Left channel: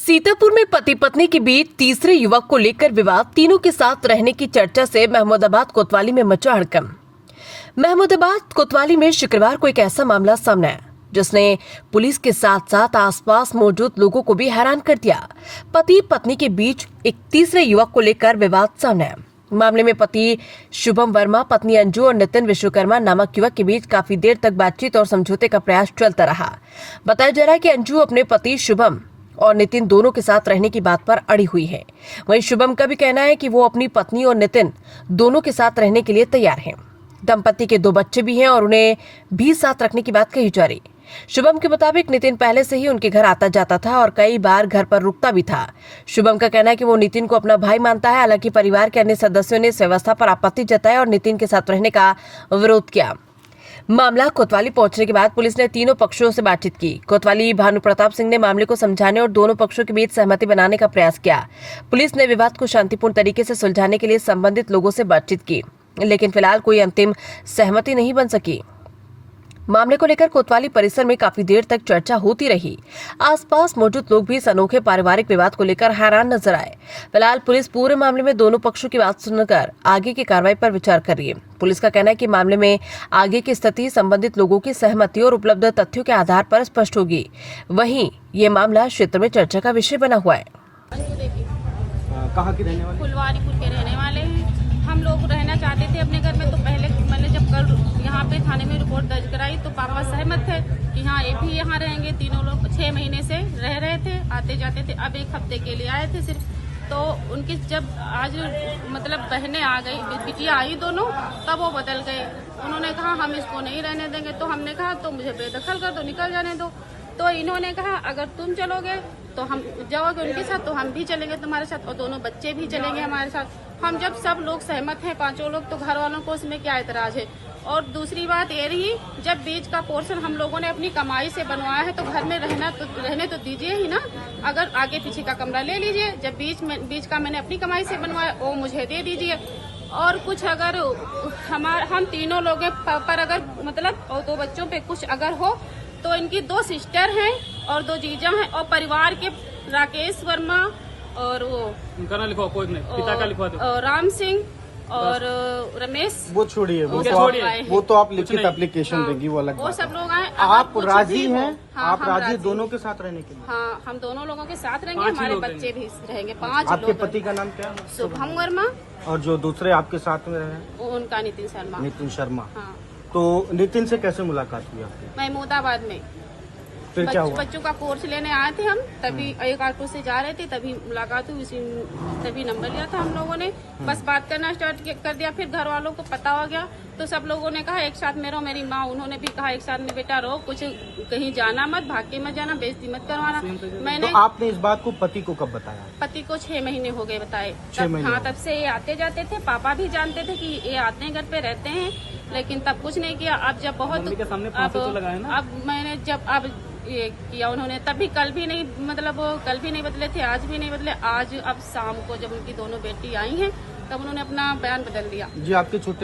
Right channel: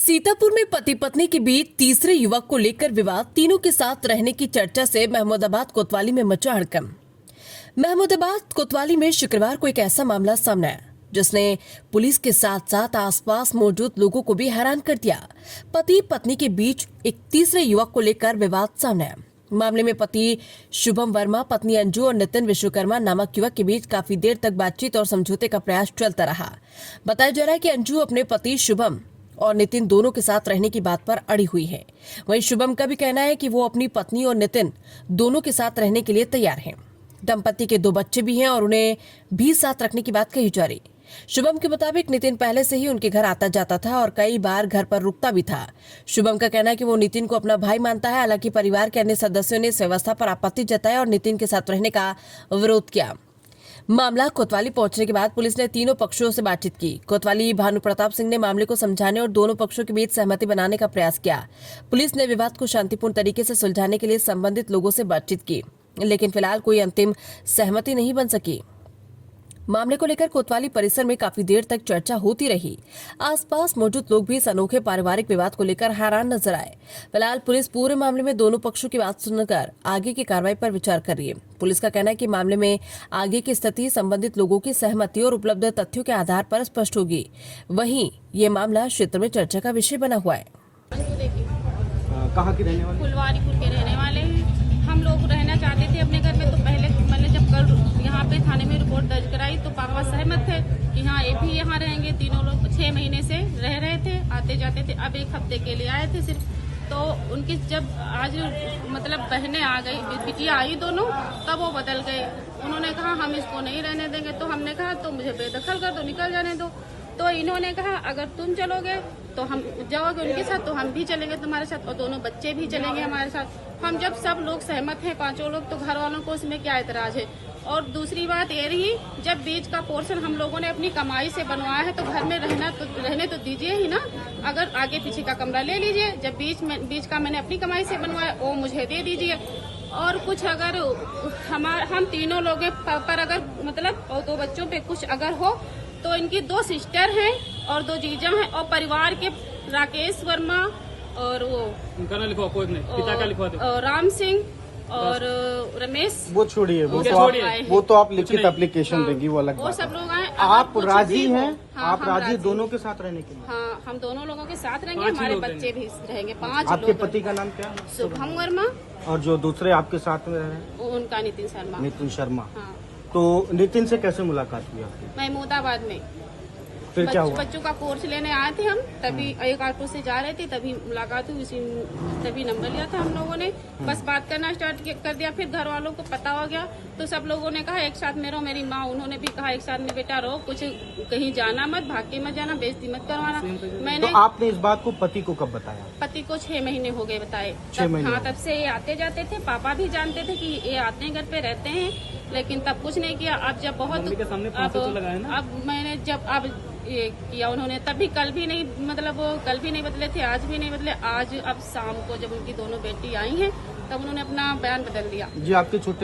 सीतापुर में पति पत्नी के बीच तीसरे युवक को लेकर विवाद, तीनों के साथ रहने की चर्चा से महमूदाबाद कोतवाली में मचा हड़कंप। महमूदाबाद कोतवाली में शुक्रवार को एक ऐसा मामला सामने आया जिसने पुलिस के साथ साथ आसपास मौजूद लोगों को भी हैरान कर दिया। पति पत्नी के बीच एक तीसरे युवक को लेकर विवाद सामने आया। मामले में पति शुभम वर्मा, पत्नी अंजू और नितिन विश्वकर्मा नामक युवक के बीच काफी देर तक बातचीत और समझौते का प्रयास चलता रहा। बताया जा रहा है कि अंजू अपने पति शुभम और नितिन दोनों के साथ रहने की बात पर अड़ी हुई है। वहीं शुभम का भी कहना है कि वो अपनी पत्नी और नितिन दोनों के साथ रहने के लिए तैयार हैं। दंपति के 2 बच्चे भी हैं और उन्हें भी साथ रखने की बात कही जा रही। शुभम के मुताबिक नितिन पहले से ही उनके घर आता जाता था और कई बार घर पर रुकता भी था। शुभम का कहना है कि वो नितिन को अपना भाई मानता है। हालांकि परिवार के अन्य सदस्यों ने इस व्यवस्था पर आपत्ति जताई और नितिन के साथ रहने का विरोध किया। मामला कोतवाली पहुंचने के बाद पुलिस ने तीनों पक्षों से बातचीत की। कोतवाली भानु प्रताप सिंह ने मामले को समझाने और दोनों पक्षों के बीच सहमति बनाने का प्रयास किया। पुलिस ने विवाद को शांतिपूर्ण तरीके से सुलझाने के लिए संबंधित लोगों से बातचीत की, लेकिन फिलहाल कोई अंतिम सहमति नहीं बन सकी। मामले को लेकर कोतवाली परिसर में काफी देर तक चर्चा होती रही। आसपास मौजूद लोग भी इस अनोखे पारिवारिक विवाद को लेकर हैरान नजर आए। फिलहाल पुलिस पूरे मामले में दोनों पक्षों की बात सुनकर आगे की कार्रवाई पर विचार कर रही है। पुलिस का कहना है कि मामले में आगे की स्थिति संबंधित लोगों की सहमति और उपलब्ध तथ्यों के आधार पर स्पष्ट होगी। वहीं ये मामला क्षेत्र में चर्चा का विषय बना हुआ है। कहाँ के रहने वाले? फुलवारीपुर के रहने वाले हैं। हम लोग रहना चाहते थे अपने घर में, तो पहले मैंने जब कल यहाँ पे थाने में रिपोर्ट दर्ज कराई तो पापा सहमत थे कि हाँ ये भी यहाँ रहेंगे। तीनों लोग 6 महीने से रह रहे थे, आते जाते थे। अब 1 हफ्ते के लिए आए थे सिर्फ। तो उनकी जब आज मतलब बहनें आ गई, बिटिया आई दोनों, तब वो बदल गए। उन्होंने कहा हम इसको नहीं रहने देंगे। तो हमने कहा तो मुझे बेदखल कर दो, निकल जाने दो। तो इन्होंने कहा अगर तुम चलोगे तो हम जाओगे उनके साथ तो हम भी चलेंगे तुम्हारे साथ, और दोनों बच्चे भी चलेंगे हमारे साथ। हम जब सब लोग सहमत हैं, 5 लोग, तो घर वालों को उसमें क्या एतराज है। और दूसरी बात ये रही, जब बीच का पोर्शन हम लोगों ने अपनी कमाई से बनवाया है तो घर में रहने तो दीजिए ही ना। अगर आगे पीछे का कमरा ले लीजिए, जब बीच का मैंने अपनी कमाई से बनवाया वो मुझे दे दीजिए। और कुछ अगर हम तीनों लोग पर अगर मतलब और 2 बच्चों पे कुछ अगर हो तो इनकी 2 सिस्टर हैं और 2 जीजा हैं, और परिवार के राकेश वर्मा और वो उनका ना लिखवा, कोई नहीं, पिता का लिखवा दो, राम सिंह और रमेश। वो छोड़िए, वो तो आप लिखित एप्लीकेशन देंगी, वो अलग वो बात सब है। लोग आए। आप राजी हैं? हाँ, आप राजी दोनों के साथ रहने के लिए? हाँ, हम दोनों लोगों के साथ रहेंगे, हमारे बच्चे भी रहेंगे। 5 लोग। आपके पति का नाम क्या है? शुभम वर्मा। और जो दूसरे आपके साथ में रहे? उनका नितिन शर्मा। नितिन शर्मा। हाँ। तो नितिन से कैसे मुलाकात हुई आपकी? महमूदाबाद में फिर क्या हुआ? बच्चों का कोर्स लेने आए थे हम, तभी एक ऑटो से जा रहे थे, तभी मुलाकात हुई। तभी नंबर लिया था हम लोगों ने, बस बात करना स्टार्ट कर दिया। फिर घर वालों को पता हो गया तो सब लोगों ने कहा एक साथ में रहो। मेरी माँ उन्होंने भी कहा एक साथ में बेटा रहो, कुछ कहीं जाना मत, भाग के मत जाना, बेइज्जती मत करवाना। मैंने तो आपने इस बात को पति को कब बताया? पति को 6 महीने हो गए बताए। 6 महीने? हाँ, तब से ये आते जाते थे। पापा भी जानते थे कि ये आते हैं, घर पे रहते हैं, लेकिन तब कुछ नहीं किया। अब जब बहुत अब मैंने जब अब ये किया उन्होंने, तभी कल भी नहीं, मतलब वो कल भी नहीं बदले थे, आज भी नहीं बदले। आज अब शाम को जब उनकी दोनों बेटी आई हैं तब उन्होंने अपना बयान बदल दिया। जी, आपके छोटे